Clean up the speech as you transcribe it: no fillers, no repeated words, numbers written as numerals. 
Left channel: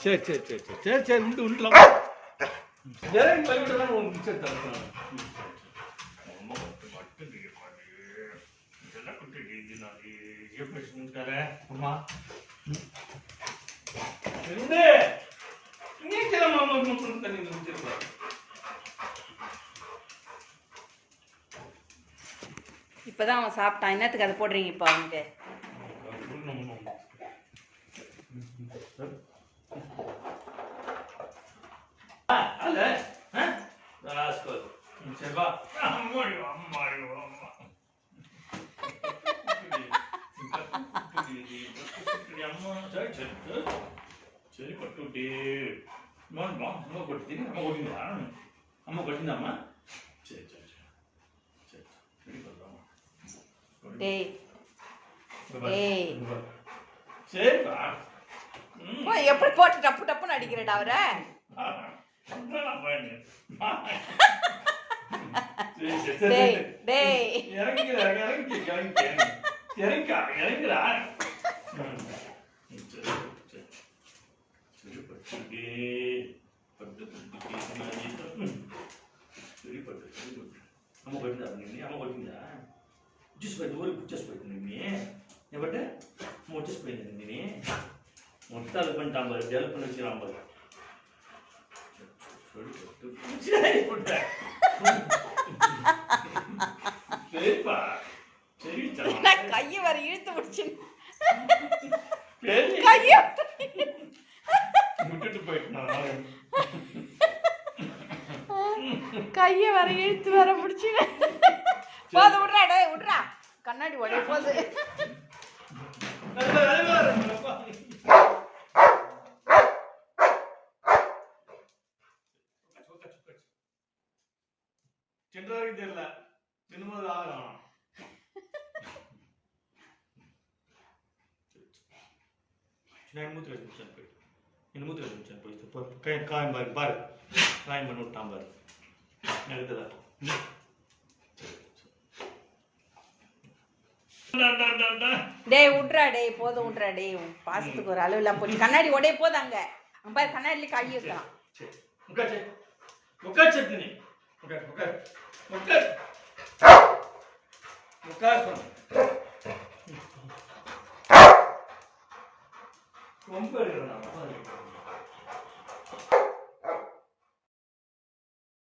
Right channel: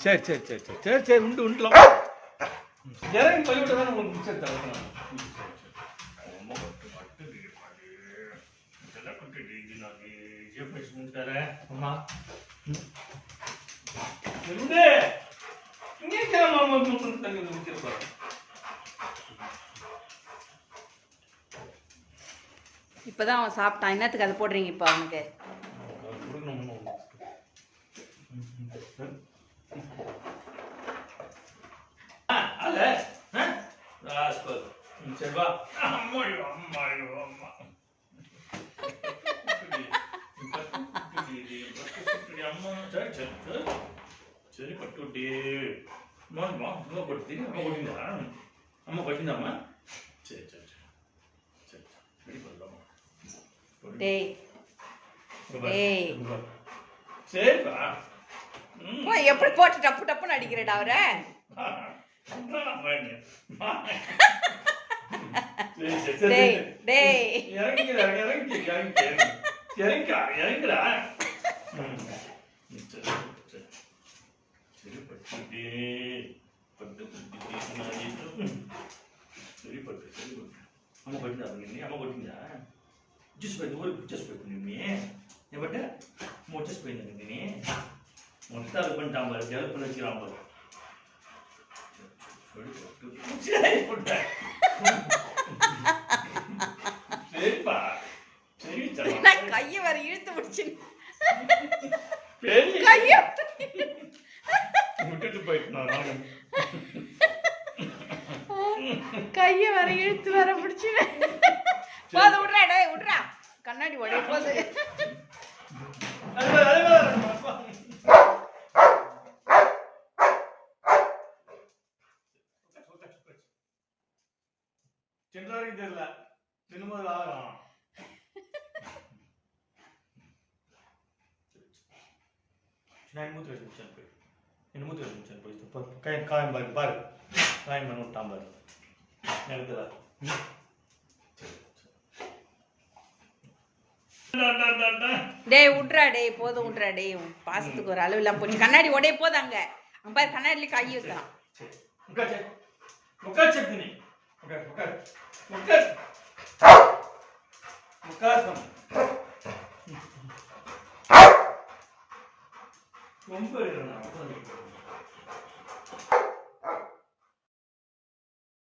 சரி சரி சரி சரி சரி சரி உண்டு உண்டுலாம் இறங்கி பள்ளிக்கூட தானே உங்களுக்கு மிச்சம் தரணும் அம்மா இப்பதான் அவன் சாப்பிட்டான். என்னத்துக்கு அதை போடுறீங்க இப்ப அவனுக்கு? சரி பட்டுட்டி அம்மா கொடுத்து அம்மா கொட்டிங்களா அம்மா கொட்டிந்தாம்மா சரி சரி சரி சரி டேய் டேய் சரிப்பா எப்படி போட்டு டப்பு டப்புன்னு அடிக்கிறடா அவரை? டேய் டேய் இறங்குடா అమ్మ కొట్టిందా అమ్మ కొట్టిందా వచ్చేసిపోయింది ఊరికి వచ్చేసిపోయింది ఏమంటే వచ్చేసిపోయింది నేను మొత్తం అది పంటాం మరి గెలుపుని వచ్చినాం சரிப்பா சரி கைய வர இழுத்து முடிச்சு கைய விட்டுட்டு போயிட்டு கைய வர இழுத்து வர முடிச்சு போது விட்றா டே விட்றா கண்ணாடி உடைய போது சென்றவரைக்கும் தெரியல திரும்ப ஆகலாம் நான் மூத்து வச்சு போய் என்ன மூத்து வச்சு போய் காயம் பாரு பாரு காயம் பண்ணி விட்டான் பாரு நிறுத்ததா டேய் விட்றா டேய் போதும் விட்றா டேய் பாசத்துக்கு ஒரு அளவு இல்லாம போச்சு கண்ணாடி உடைய போது அங்க பாரு கண்ணாடில கை வைக்கலாம் உட்கார் சக்தினி உட்கார் உட்கார் உட்கார் உட்கார் ரொம்ப